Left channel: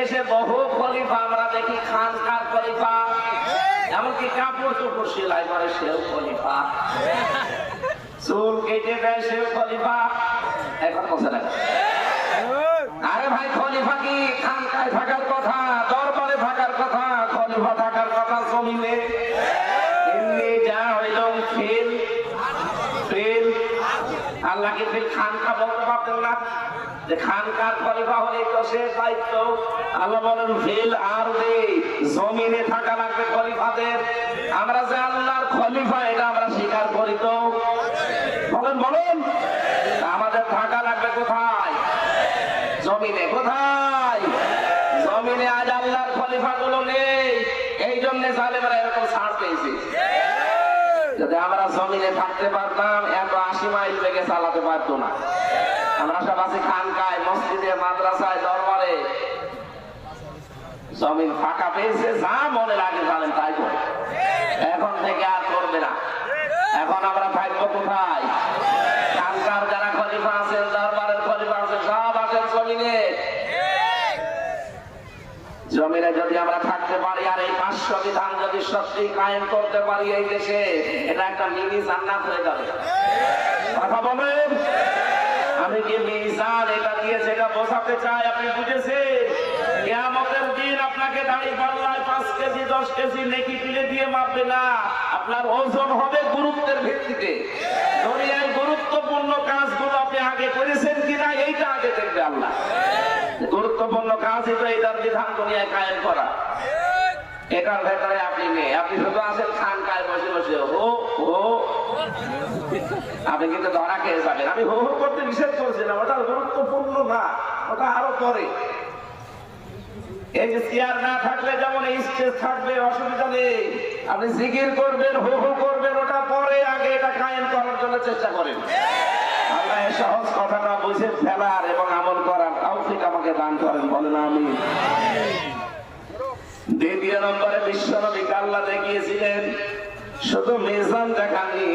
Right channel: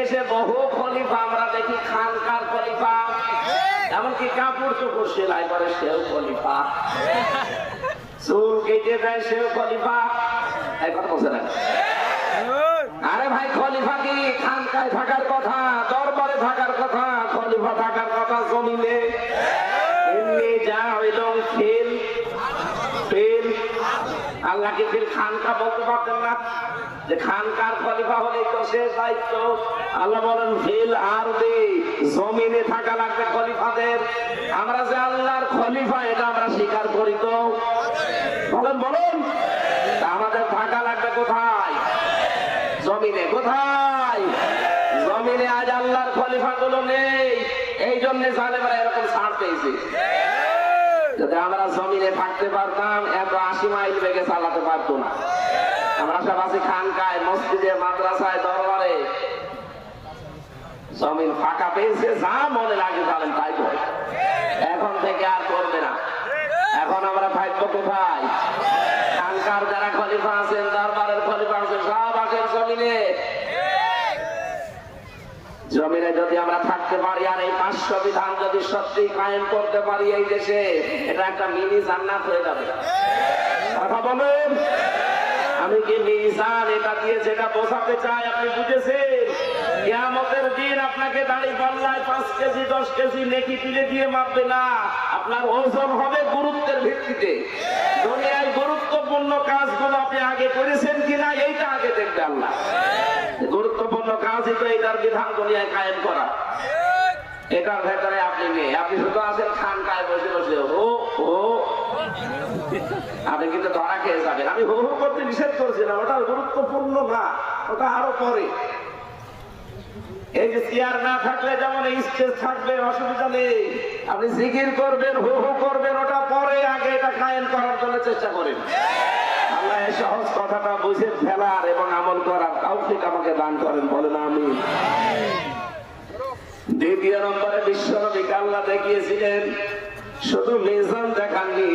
দেশে বহু খলিফা, আমরা দেখি খান খান খলিফা, এমনকি কাপড় চোপড় সেলাই করে সেও খলিফা। চুল কেটে দেয় সেও খলিফা। এখন না? কথা জমিনে আল্লাহ ফিল খানকা বলতে পারতেন না। যে খানকার খলিফা হলে তো শেষ দায়িত্ব। আল্লাহ বলেন, ফিল আর জমিনে থাকা লাগবে খলিফাদের। আমরা যে আল্লাহর খলিফা, এটা আমরা স্বীকার করি তো। বলেন বলেন, আমাদের থাকা লাগবে কোথায়? জমিনে কোথায়? জমিনে আজ আল্লাহর খলিফা গুলো নেই। এই জন্য জালেমারা এরকম ছাড় পেয়েছে। যদি আমরা জমিনে থাকতে পারতাম এত লেগে চালাতে পারতো না। আশেপাশে খানকায়, মসজিদে, মাদ্রাসায়, দরবারে জমিন ফাঁকা পেয়েছে, যা মনে লাগে তাই করবে। এখন থেকে আর করবে না এখন আমরা থাকব কোথায় খানকার যারা খলিফা আছেন দরবারের খলিফা আছেন সব আছেন জমিনে জমিনে যদি আমরা থাকতে পারি আর এই পাঁচশো বিধান যদি সত্যি কায়েম করতে পারি এই দেশে, এটা একটা মিনি জান্নাত হয়ে যাবে। আমি কি মিজান এটা দিয়ে যেটা বোঝাতে চাই আপনি বুঝেছেন কিয়ামতের দিন আপনাকে দাড়ি পাল্লায় পাঁচ কেজি দশ কেজি নেকি তুলে দিয়ে মারবে না আপনার ওজন হবে গুরুত্বের ভিত্তিতে দুনিয়ার গুরুত্বপূর্ণ কাজগুলো আপনি আগে করেছেন কিনা এইটা আগে দেখবে আল্লাহ গুরুত্বপূর্ণ কাজই তো এটার বিধান দুনিয়ায় কায়েম করা এটার ভেতরে আপনি নেই আপনি শুধু আছেন খান কায় বসে বসে ও ও আপনি কিন্তু ধরা খেয়ে যাবেন আমি হো হো করতে নিষেধ করছি না ওটা গুরুত্বপূর্ণ না ওটা আরও পরে এই যে চেয়ার না থাকলে যেমন স্টেজ থাকবে অসুবিধা নেই। আপনি জিকির করবেন হো হো করবেন, ওটা পরে আগে এটা কায়েম করার জন্য চেষ্টা করেন। সহজ কথাটা বুঝে ফেলার এবং আমল করার তৌফিক আমাকে দান করেন, বলেন আমি দ্বিতীয় নম্বরে বিশ্বনবীকে আল্লাহ দেখিয়েছিলেন। শুধু মিজান দেখাননি,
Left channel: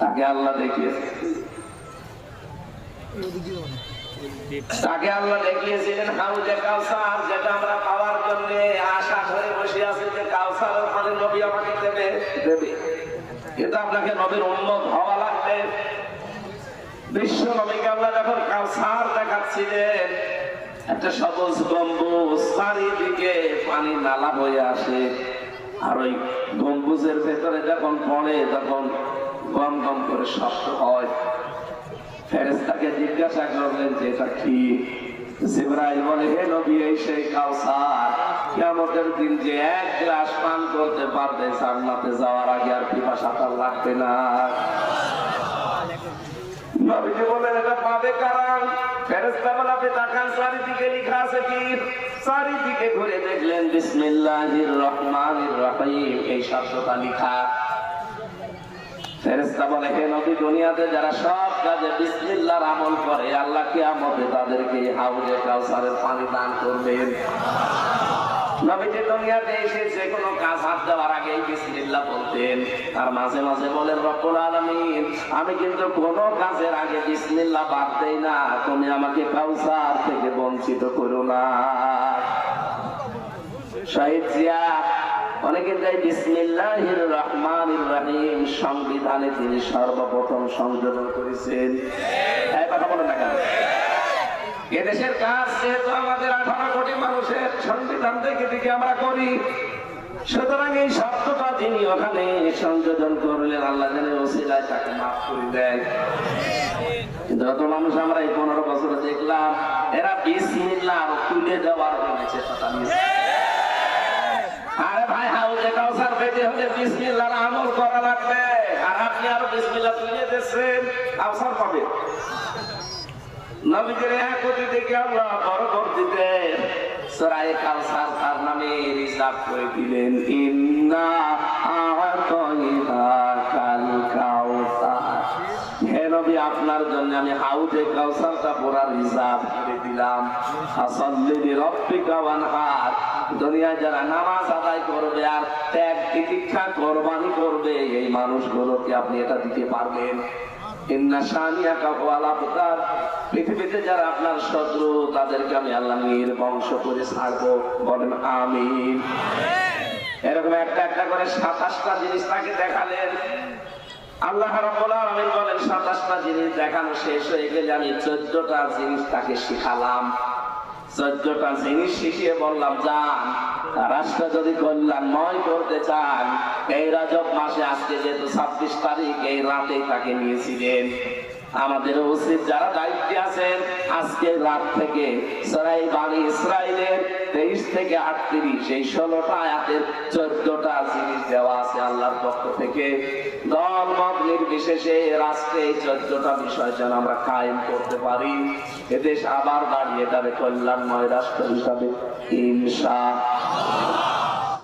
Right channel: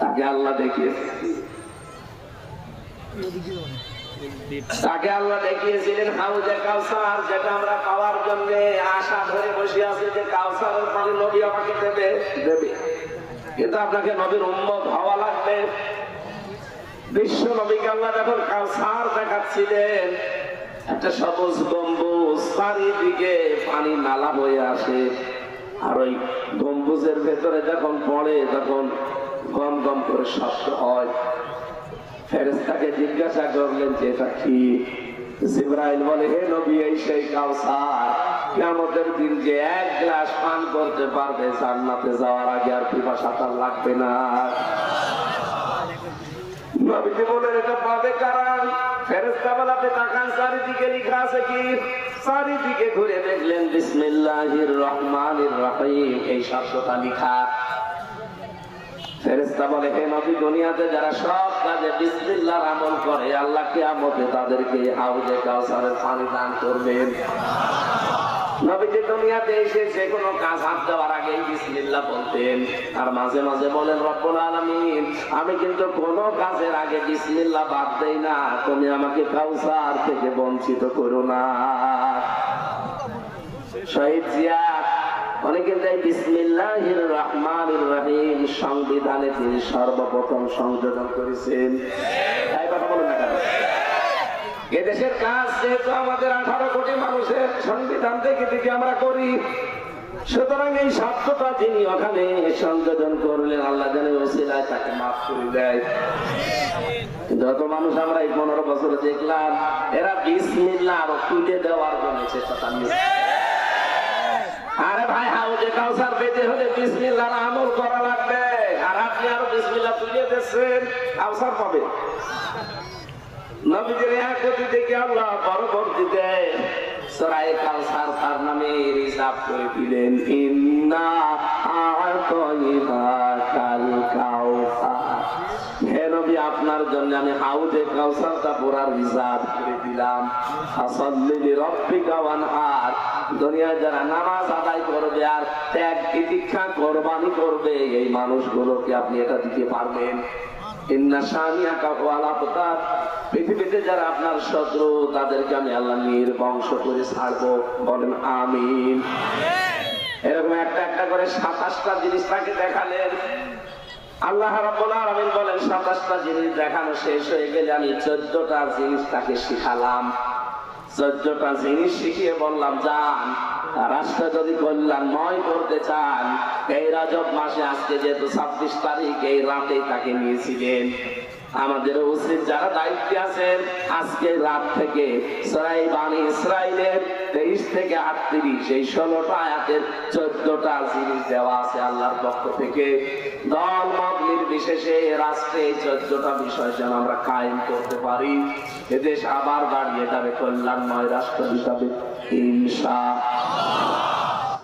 তাকে আল্লাহ দেখিয়েছেন তাকে আল্লাহ দেখিয়েছিলেন, হাউজে কাউসার, যেটা আমরা খাওয়ার জন্য আশা করে বসে আছি যে কাউসার মানে নবী আমাকে দেবে দেবে কিন্তু আপনাকে নবীর উন্মত হওয়া লাগবে গম্বুজের ভেতরে যখন পড়ে, তখন গম গম করে শব্দ হয়। জিজ্ঞাসা করলেন, যে বলে, হে গ্লাস পান করতে পারবে জান্নাতে যাওয়ার আগে আর পিপাসা তার লাগবে না নবীজি বলেন এটা পাবে কারা ফেরেশতা বলে আপনি তাকান চারিদিকে লেখা আছে কি চারিদিকে ঘুরে দেখলেন বিসমিল্লাহির রহমানির রহিম এই শব্দটা লেখা ফেরেশতা বলে হে নবী দুনিয়াতে যারা সব কাজে বিসমিল্লাহর আমল করে আল্লাহ কিয়ামতে তাদেরকে হাউজে কাউসারের পানি দান করবেন নবীজি দুনিয়াতে এসে যে কোনো কাজ হাত দেওয়ার আগে বিসমিল্লাহ বলতেন তার মাঝে মাঝে বলেন রব্বুল আলামিন আমি কিন্তু কোনো কাজের আগে বিসমিল্লাহ বাদ দেই না। তুমি আমাকে কাউসার থেকে বঞ্চিত করো না। শহীদ জিয়া, অনেকে তাই বিসমিল্লাহির রহমানির রহিম সংবিধানে তিনি সর্বপ্রথম সংযোজন করেছেন? এদেশের কাজ যেহেতু আমাদের আঠারো কোটি মানুষের সংবিধান থেকে থেকে আমরা করি সুতরাং এই শব্দটা তিনি সংযোজন করলেন আল্লাহ যেন ওসিলায় তাকে মাফ করে দেয়। যত মানুষ আমরা এই পনেরো বছরে দেখলাম, এরা বিসমিল্লাহ আরও তুলে দেওয়ার জন্য চেষ্টা বিসমিল্লাহ নবীদের এক পুরা রিজার্ভ করে দিলাম, ফাসাল্লি লিরাব্বিকা ওয়ানহার দুনিয়া যারা নামাজ আদায় করবে আর ত্যাগ তিতিক্ষা কোরবানি করবে, এই মানুষগুলোকে আপনি এটা দিতে পারবেন। ইন্না শানিয়াকা ওয়াল আবতার, পৃথিবীতে যারা আপনার শত্রু, তাদেরকে আমি আল্লাহ নির্বংশ করে ছাড়বো। বলেন আমিন। এরকম একটা একটা করে সাতাশটা জিনিস তাকে দেখালেন। আল্লাহ রাব্বুল আলামিন বলেন দেখানো শেষ হয়ে গেলে আমি চোদ্দটা জিনিস তাকে শিখালাম। চোদ্দটা জিনিস শিখিয়ে বললাম যান রাষ্ট্র যদি কল্যাণময় করতে চান, এই রজব মাসে আজকে যেহেতু ছাব্বিশ তারিখ, এই রাতে তাকে নিয়েছিলেন। আমাদের উচিত যারা দায়িত্বে আছেন, আজকে রাত থেকে সরাই ইসরায়েলের তেইশ থেকে আটত্রিশ, এই ষোলোটা আয়াতের চোদ্দটা জিনিস দেওয়া আছে আল্লাহর পক্ষ থেকে। মত নির্বিশেষে এই চোদ্দটা বিষয় যেন আমরা কায়েম করতে পারি। এদেশ আবার দাঁড়িয়ে যাবে কল্যাণময় রাষ্ট্র হিসাবে। ইনশা